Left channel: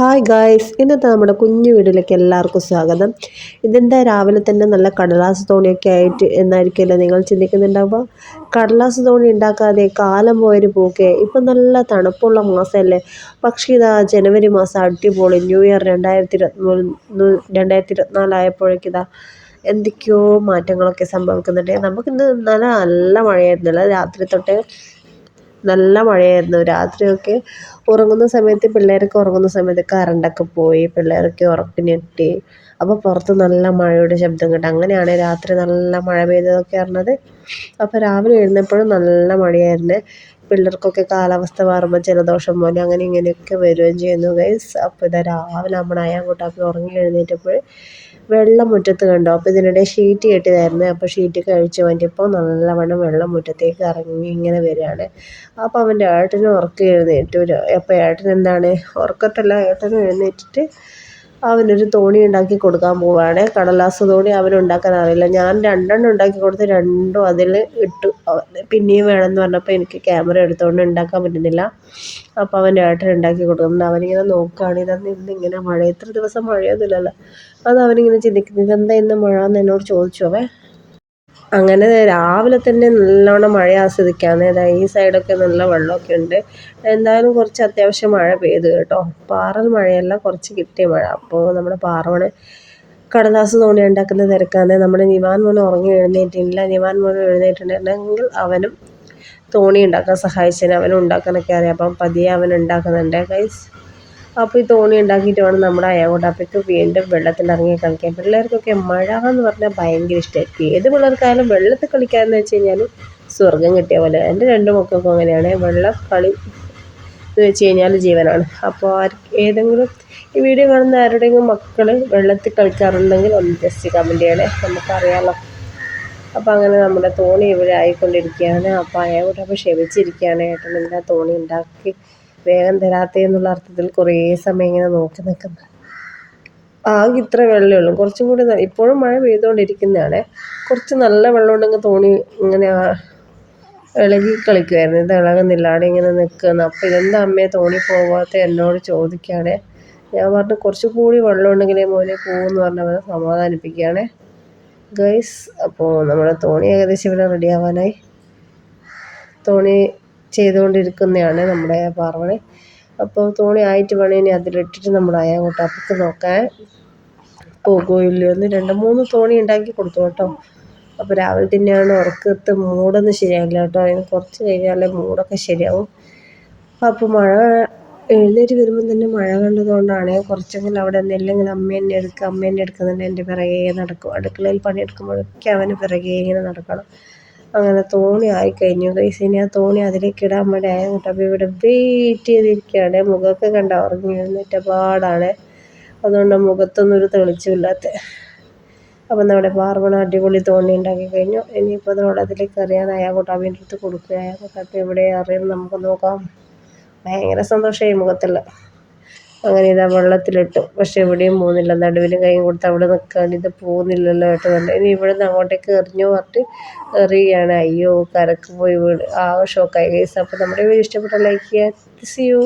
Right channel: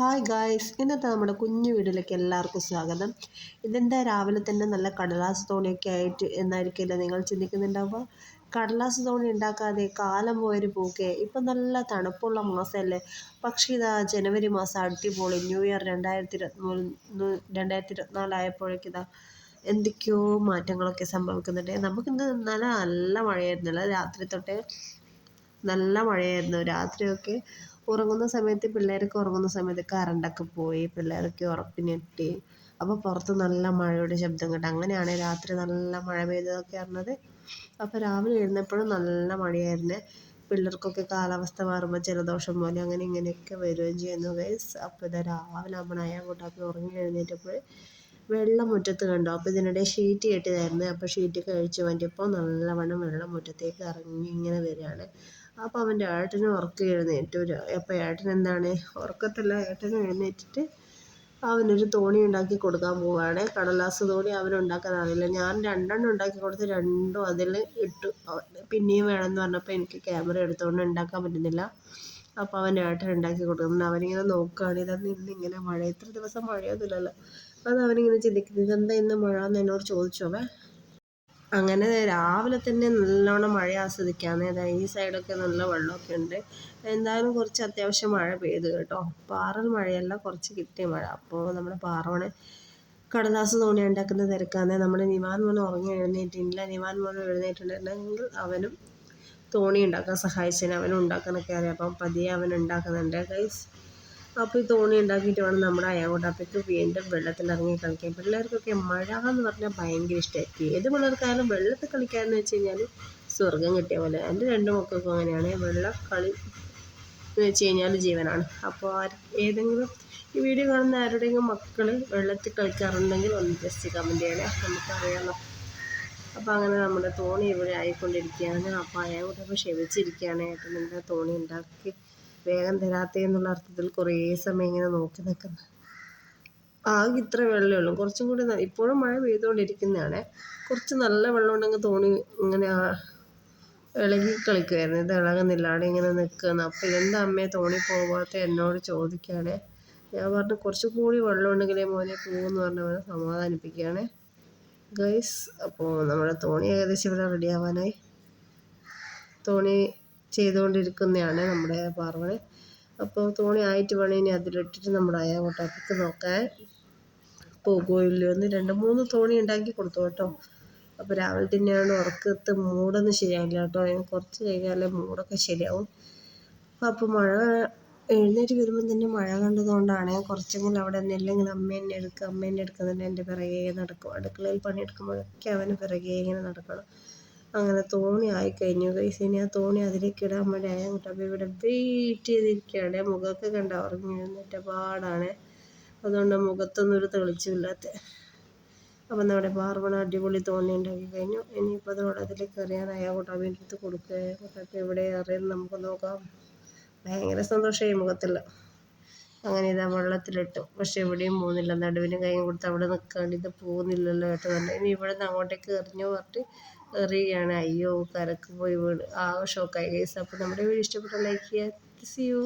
Hi guys ഇന്നത്തെ നമ്മുടെ കുഞ്ഞു വീടിലേക്ക് എല്ലാവർക്കും സ്വാഗതം. ഇതെന്താ രാവിലെ തന്നെ നല്ല കടലാസ് തോണിയൊക്കെ ആയിട്ട് എന്നായിരിക്കുമല്ലോ നിങ്ങൾ ചിന്തിക്കുന്നുണ്ടാവുക? കടലാസ് തോണി ഉണ്ടാക്കാതെ കാലം പോയൊരു പോക്കെ. ഇപ്പം നല്ല തണുപ്പുള്ള മാസമല്ലേ. പക്ഷേ ഇതാ ജനുവരി മാസം അടിപൊളി ന്യൂ ഇയർ രണ്ടായിരത്തി ഇരുപത്തിമൂന്ന് രണ്ടായിരത്തി ഇരുപത്തിനാലായപ്പോഴേക്കിതാ എന്തൊക്കെയോ മാറ്റങ്ങളൊക്കെ സംഭവിക്കുന്നുണ്ട്. നമുക്കിന്ന് നല്ല നല്ല മഴയായിരുന്നല്ലോ. രാത്രി തൊട്ട് നല്ല മഴയായിരുന്നു. രാത്രിയൊക്കെ ഉറങ്ങുന്ന സമയത്ത് പിള്ളേരൊക്കെ ഉറങ്ങുന്ന സമയത്ത് കറണ്ടൊക്കെ പോയി പിള്ളേരൊക്കെ ഉറക്കം ഞെട്ടി അപ്പോൾ പുറത്ത് നല്ല മഴയുടെ ശബ്ദം കേട്ടു. അങ്ങനെയാണ് രാത്രി നല്ല മഴ പെയ്തതൊക്കെ അറിഞ്ഞത് അപ്പോൾ രാവിലെ എഴുന്നപ്പോഴും നല്ല മഴയായിരുന്നു. പിള്ളേർക്കൊക്കെ കാലാവസ്ഥ മാറുമ്പോൾ ജലദോഷം പോലെ അങ്ങനെ ഇങ്ങനെയൊക്കെ വരികയും ചെയ്യുന്നു ഗൈസ് അപ്പോൾ ഇതാ രാവിലെ നമ്മുടെ അയാൻകുട്ടാപ്പി ഉറങ്ങി എഴുന്നേറ്റപ്പോൾ വെള്ളം മുറ്റത്ത് കണ്ടു. അപ്പോൾ ഇതിനിടെ ഷീറ്റ് കെട്ടിയതായിരുന്നു. അപ്പോൾ ഷീറ്റ് കഴിച്ച് വേണ്ടിയപ്പോൾ നല്ലവണ്ണം വെള്ളം മുറ്റത്തേക്ക് ഇറങ്ങി ഇങ്ങനെ വരികയാണ്. അപ്പോൾ അവന്റെ ഏട്ടനും ഉറക്കം എഴുന്നേറ്റു. അപ്പോൾ ഏട്ടൻ എന്താണ്? ഉറക്കത്തല്ല ഏട്ടനും എഴുന്നേറ്റിട്ട് അവനൊരു തോണി ഉണ്ടാക്കി കൊടുക്കാൻ പോവുകയാണ് കടലാസ് തോണി അവനുണ്ടാക്കാൻ അറിയില്ല. ഞാൻ രണ്ടെണ്ണം ഉണ്ടാക്കി കൊടുത്ത് രണ്ടും അതിൽ ഇട്ടു. പിന്നെയും വേണമെന്ന് പറഞ്ഞപ്പോൾ എനിക്ക് ക്യാമറ എടുത്തുകൊണ്ട് ഉണ്ടാക്കാൻ പറ്റുന്നില്ല. അപ്പോൾ അവന്റെ ഏട്ടൻ ഉണ്ടാക്കി കൊടുക്കുന്നുണ്ട് അവനിങ്ങനെ നോക്കുകയാണ് ഇതെന്ന് ഇന്നിങ്ങനെ മഴ എത്ര ദിവസം മഴയൊന്നുമില്ലല്ലോ. അത് അവനിങ്ങനെ ചിന്തിക്കുന്നു. ഇതെന്താ ഇന്ന് മഴ എന്ന് എന്നോട് ചോദിച്ചു അവൻ. അങ്ങനെ രാവിലെ തന്നെ നല്ലോണം മഴ ആസ്വദിക്കാമെന്ന് അതായത് ഈ സൈഡൊക്കെ നല്ല വെള്ളമൊക്കെ ഉണ്ട്. എന്തായാലും കുറച്ച് അത്യാവശ്യം മഴ പെയ്തു കേട്ടോ. പാറൽ മഴയല്ല കുറച്ച് കിട്ടിയ മഴ. അപ്പോൾ നമ്മുടെ പാറവണ് കടലാസ് തോണി ഉണ്ടാക്കുന്ന തിരക്കാണ്. നമ്മുടെ നിവാൻ മോൻ ഉറങ്ങി എഴുന്നേറ്റില്ല നിവാൻ മോൻ എഴുന്നേറ്റിട്ടുണ്ടെങ്കിൽ അവനും തോണി ഉണ്ടാക്കാൻ സഹായിച്ചതിന് അവനും ഉണ്ടാക്കാനൊക്കെ അറിയാം. അപ്പം പതിയെ അവൻ ഉണ്ടാക്കുന്നുണ്ട്. ഗൈസ് അപ്പോൾ ഈ തോണി ഉണ്ടാക്കിയിട്ട് വേണം നമ്മുടെ അയാവോട്ടാപ്പയ്ക്ക് വീണ്ടും വെള്ളത്തിൽ ഇറങ്ങി കളിക്കാൻ. പിള്ളേർക്കൊക്കെ മഴ എന്ന് പറഞ്ഞാൽ ഭയങ്കര ഇഷ്ടമായിരിക്കും ഏത് പിള്ളേർക്കായാലും വെള്ളത്തിൽ കളിക്കാമെന്ന് വെച്ച് കഴിഞ്ഞാൽ സ്വർഗം കിട്ടിയ പോലെ. എന്റെ രണ്ട് മക്കൾക്കും അങ്ങനെയാണ്. വെള്ളം കളി എന്ന് വെച്ച് കഴിഞ്ഞാൽ ജീവനാണ്. അപ്പോൾ ആർ ഏതെങ്കിലും ഈ വീഡിയോ കാണുന്ന ആരുടെയെങ്കിലും മക്കൾ വെള്ളത്തിൽ കളിക്കാറുണ്ടെങ്കിൽ ഒന്ന് ജസ്റ്റ് കമന്റ് ചെയ്യണേ. നമുക്കറിയാമല്ലോ അപ്പോൾ അങ്ങനെ നമ്മുടെ തോണി ഇവിടെ ആയിക്കൊണ്ടിരിക്കുകയാണ്. അപ്പോൾ അയാളോട് ക്ഷമിച്ചിരിക്കുകയാണ്. ഏട്ടൻ എന്താ തോണി ഉണ്ടാക്കി വേഗം തരാത്ത എന്നുള്ള അർത്ഥത്തിൽ കുറേ സമയം ഇങ്ങനെ നോക്കി നിൽക്കുന്നത് ആകെ ഇത്ര വെള്ളമേ ഉള്ളൂ. കുറച്ചും കൂടി ഇപ്പോഴും മഴ പെയ്തുകൊണ്ടിരിക്കുന്നതാണ്. കുറച്ച് നല്ല വെള്ളം ഉണ്ടെങ്കിൽ തോണി ഇങ്ങനെ ഇളകി കളിക്കുമായിരുന്നു ഇത് ഇളകുന്നില്ല. ഇങ്ങനെ നിൽക്കുന്നു അപ്പോൾ ഇതെന്താ അമ്മയെ തോണി പോകാത്ത എന്നോട് ചോദിക്കുകയാണ്. ഞാൻ പറഞ്ഞു കുറച്ച് കൂടി വെള്ളം ഉണ്ടെങ്കിലേ മോനെ പോകുമെന്ന് പറഞ്ഞ് അവനെ സമാധാനിപ്പിക്കുകയാണ്. ഗൈസ് അപ്പോൾ നമ്മുടെ തോണി ഏകദേശം ഇവിടെ റെഡിയാവാനായി തോണി ചെയ്തുകൊണ്ടിരിക്കുന്നതാണ് നമ്മുടെ പാർവണി. അപ്പോൾ തോണി ആയിട്ട് വേണം ഇനി അതിലിട്ടിട്ട് നമ്മൾ അങ്ങോട്ട് അപ്പുറത്ത് നോക്കാൻ പോകുമോ ഇല്ലയോ എന്ന് രണ്ട് മൂന്ന് തോണി ഉണ്ടാക്കി കൊടുത്തു കേട്ടോ. അപ്പോൾ രാവിലെ തന്നെയാണ് ഉറക്കത്ത് മൂടൊന്നും ശരിയാവില്ല കേട്ടോ. അതിന് കുറച്ച് കഴിഞ്ഞാലേ മൂടൊക്കെ ശരിയാവും. അപ്പോൾ മഴ എഴുന്നേറ്റ് വരുമ്പം തന്നെ മഴ കണ്ടതുകൊണ്ടാണ് കുറച്ചെങ്കിലും അവിടെ നിന്നില്ലെങ്കിൽ അമ്മ എന്നെ എടുക്കുക അമ്മ എന്നെ എടുക്കുന്നുണ്ട് എന്റെ പിറകെ നടക്കും. അടുക്കളയിൽ പണിയെടുക്കുമ്പോഴൊക്കെ അവന് പിറകെ ഇങ്ങനെ നടക്കണം. അങ്ങനെ തോണി ആയിക്കഴിഞ്ഞു. ഗൈസ് ഇനി ആ തോണി അതിലേക്ക് ഇടാൻ വേണ്ടി ആയങ്ങോട്ട് അപ്പോൾ ഇവിടെ വെയിറ്റ് ചെയ്തിരിക്കുകയാണ്. മുഖമൊക്കെ കണ്ട? ഉറങ്ങി എഴുന്നേറ്റ പാടാണ്. അതുകൊണ്ട് മുഖത്തൊന്നും ഒരു തെളിച്ചില്ലാത്ത അപ്പം നമ്മുടെ പാർവണ അടിപൊളി തോണി ഉണ്ടാക്കി കഴിഞ്ഞു. ഇനിയിപ്പോൾ അത് വെള്ളത്തിലേക്ക് അറിയാൻ അയാൾക്കോട്ട് അവന്റെ അടുത്ത് കൊടുക്കുക അയാൾക്കോട്ട് അപ്പോൾ എവിടെ അറിയുന്നത് നമുക്ക് നോക്കാം. ഭയങ്കര സന്തോഷമായി മുഖത്തുള്ള അങ്ങനെ ഇതാ വെള്ളത്തിലിട്ടു. പക്ഷേ എവിടെയും പോകുന്നില്ല. നടുവിന് കൈയും കൊടുത്ത് അവിടെ നിൽക്കാണ്ട് ഇത് പോകുന്നില്ലല്ലോ ഏട്ടൻ പറഞ്ഞു. ഇനി ഇവിടെ നിന്ന് അങ്ങോട്ടേക്ക് എറിഞ്ഞു പറഞ്ഞിട്ട് എറിയുകയാണ്. അയ്യോ കരക്ക് പോയി വീട് ആ ഷോക്കായി കേസ് അപ്പോൾ നമ്മുടെ വീഡിയോ ഇഷ്ടപ്പെട്ട ലൈക്ക് ചെയ്യുക. C U